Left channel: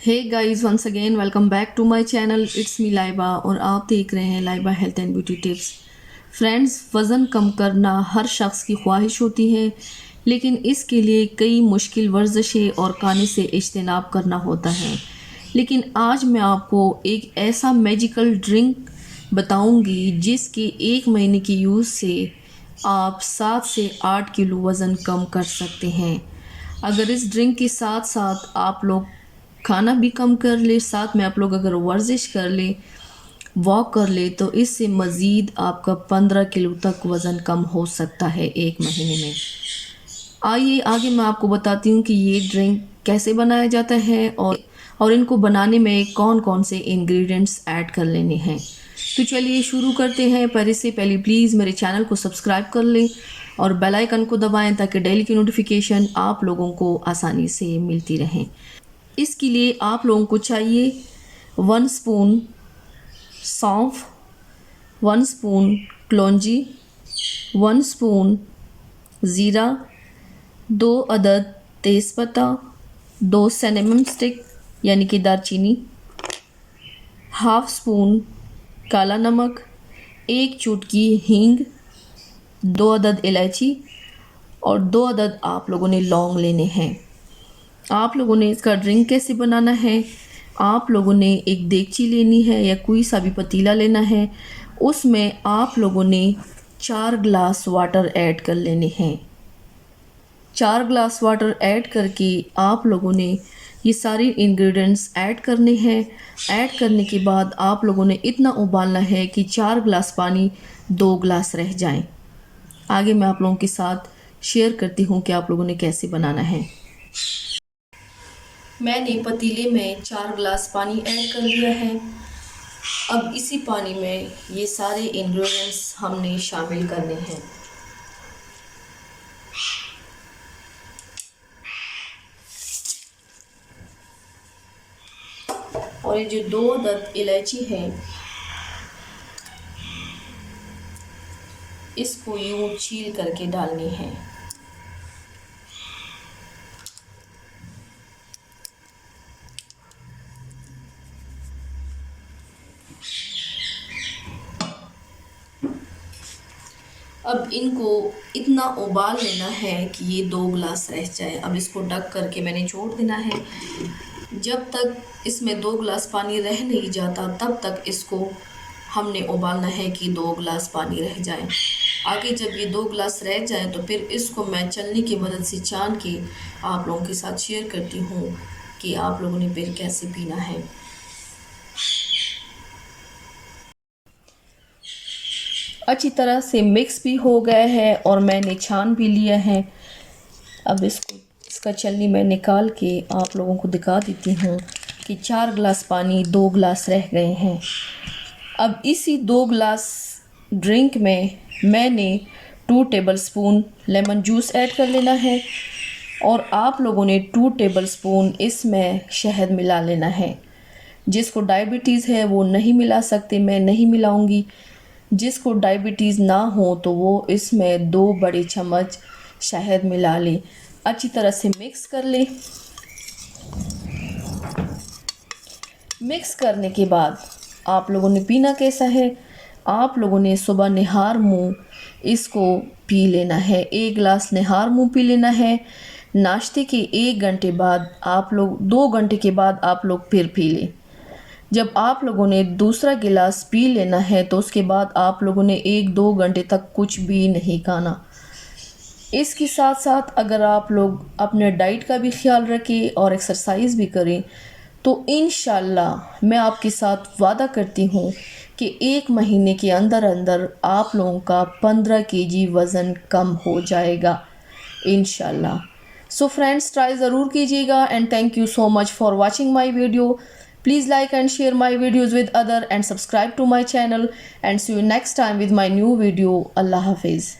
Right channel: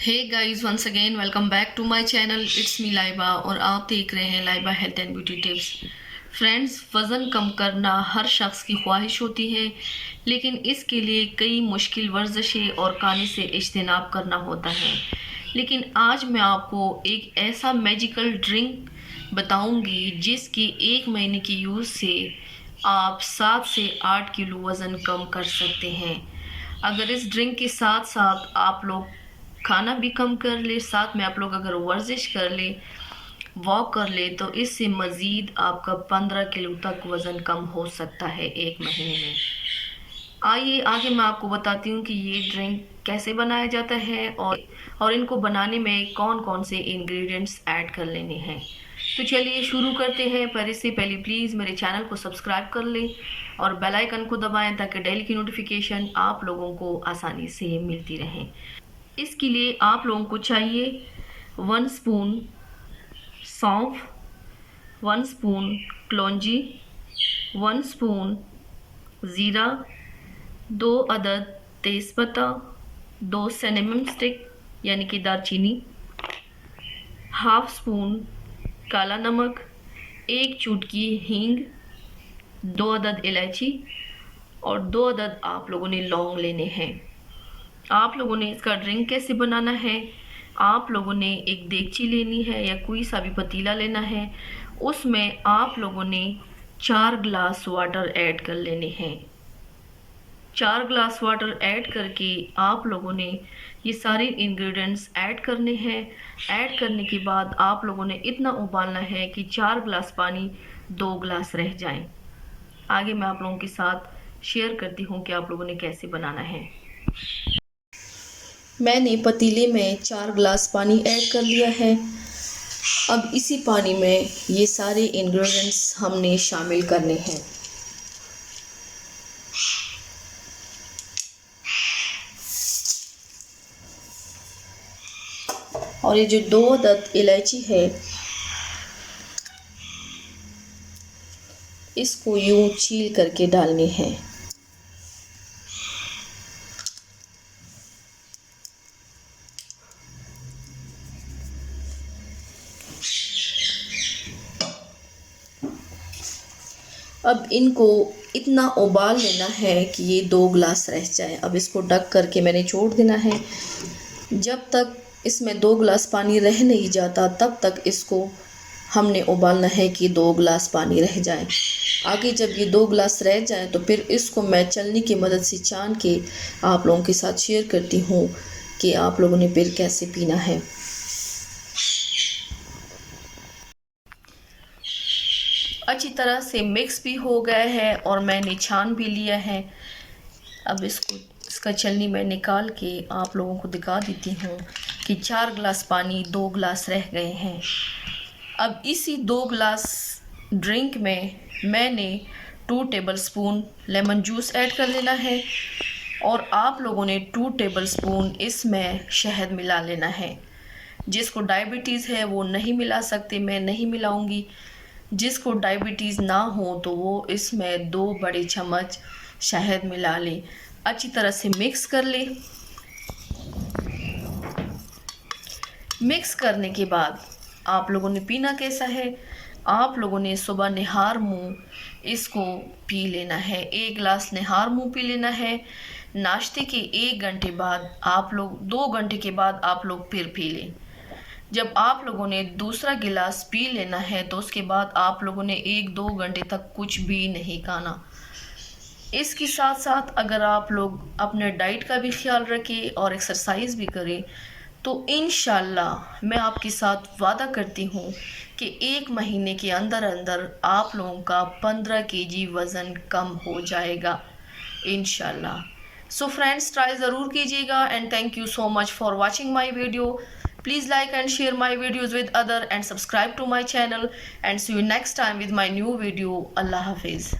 Hey guys, once again welcome back to my channel. It's me Laiba और आप देख रहे हैं Laiba health and beauty tips. Friends, वज़न कम करना हर शख्स की ख्वाहिश होती है, लेकिन इसके लिए कई मुश्किल वर्जिशें और खाने से इज्तनाब करना होता है। लेकिन आज मैं आपको एक ऐसा मैजिकल ड्रिंक बताऊंगी जिसके 1 महीने की यूज़ से आप 7 से 8 किलो वज़न कम कर सकते हैं। अगर इस ड्रिंक के साथ साथ आप लोग खाना भी कम कर ले, साथ में आप लोग अगर वर्जिश कर ले, वॉक कर ले, तो इससे मज़ीद आपका 15 किलो तक वज़न कम हो सकता है 1 महीने में। आइए आगे मैं आपको बताती हूँ कि ये ड्रिंक कैसे बनाया जाता है और इनको बनाने में कौन कौन से इंग्रेडिएंट्स ऐड कर लेने हैं। तो चलिए शुरू करते हैं। पर इससे पहले प्लीज़ मेरे चैनल को सब्सक्राइब कर लें और बेल आइकन को दबाएं ताकि डेली की नोटिफिकेशन आप लोगों को आसानी से मिलती रहें। इसके लिए आप लोगों को चाहिए 1 स्पून सौंफ, 1 स्पून कलौंजी, 1 स्पून ज़ीरा, 2 अदद तेज़पत्ता, 2 सिनेमन स्टिक यानी कि दालचीनी, हाफ स्पून काला नमक, 1 चुटकी हींग, 2 अदद इलायची और 2 अदद आप लोगों ने लौंग लेने हैं। आप लोगों ने इसका ड्रिंक कैसे बनाना है, आप लोगों ने एक देगची लेनी है या कोई सा भी पतीला लेना है, उसमें आप लोगों ने 4 गिलास वाटर ऐड कर लेने हैं। 4 गिलास वाटर ऐड करके आप लोगों ने ये सारे इंग्रेडिएंट्स ऐड करने हैं। ऐड करने के बाद आप लोगों ने इतना उबालना है कि 4 गिलास पानी 2 गिलास रह जाएं। आगे मैं आप लोगों के साथ शेयर करती हूँ कि आप लोगों ने कैसे बनाना है। मैंने पतीले में 4 गिलास पानी ऐड कर लिया है। अब इसी पानी में ये सारे इंग्रेडिएंट्स हमने शामिल करने हैं। और ये जो 2 अदद इलायची है, इसको यूं छील करके डालनी है। अब इनको इतना उबाल लेना है कि ये 2 गिलास रह जाए। अब इसको ढक करके मैंने छोड़ देना है। जब तक इसमें 2 गिलास पानी रह नहीं जाता तब तक इसको हमने उबालना है कि 2 गिलास पानी रह जाए। आगे जब ये 2 गिलास रह जाए तो फिर इसको मैं चलनी की मदद से छान के आप लोगों के साथ शेयर करती हूँ कि आप लोगों ने फिर कैसे पीना है। अच्छी तरह से मिक्स भी हो गया है और मैंने छान भी लिया है। अब इसका छलनी मैं निकाल के आप लोगों को दिखा देती हूँ कि 4 गिलास पानी 2 गिलास रह गए हैं। अब इसी 2 गिलास ड्रिंक में मैंने 2 टेबलस्पून लेमन जूस ऐड कर लेना है और आप लोगों ने 2 टेबलस्पून इसमें शहद मिला लेना है। जिसको डायबिटीज़ है वो नहीं मिला सकते, मैं नहीं मिलाऊंगी। जिसको डायबिटीज़ ना हो तो वो इसमें 2 बड़े चम्मच शहद मिला ले। अच्छी तरह से मिक्स कर ले। मिक्स करने के बाद आप लोगों ने पीना कैसा है, आप लोगों ने सुबह निहार मुँह इसको पी लेना है। 1 गिलास निहार मुँह पी लेना है। नाश्ते के 1 घंटे बाद आप लोग 2 घंटे के बाद आप लोग फिर पी लें। जब आप लोगों ने दूसरा गिलास पी लेना है तो उसके बाद आप लोगों ने 1-2 घंटे तक कुछ भी नहीं खाना। इसके साथ साथ अगर आप लोग अपने डाइट का भी ख्याल रखें और एक्सरसाइज भी करें तो इंशाल्लाह मैं आपके साथ वादा करती हूँ कि 1 महीने के अंदर अंदर आप लोगों का 15 केजी वज़न कम हो जाएगा इंशाल्लाह। सो फ्रेंड्स, ट्राई ज़रूर कीजिएगा and thank you so much for watching my video. Please like and share my videos with other and subscribe to my channel and see you next time with my new video. Allah Hafiz.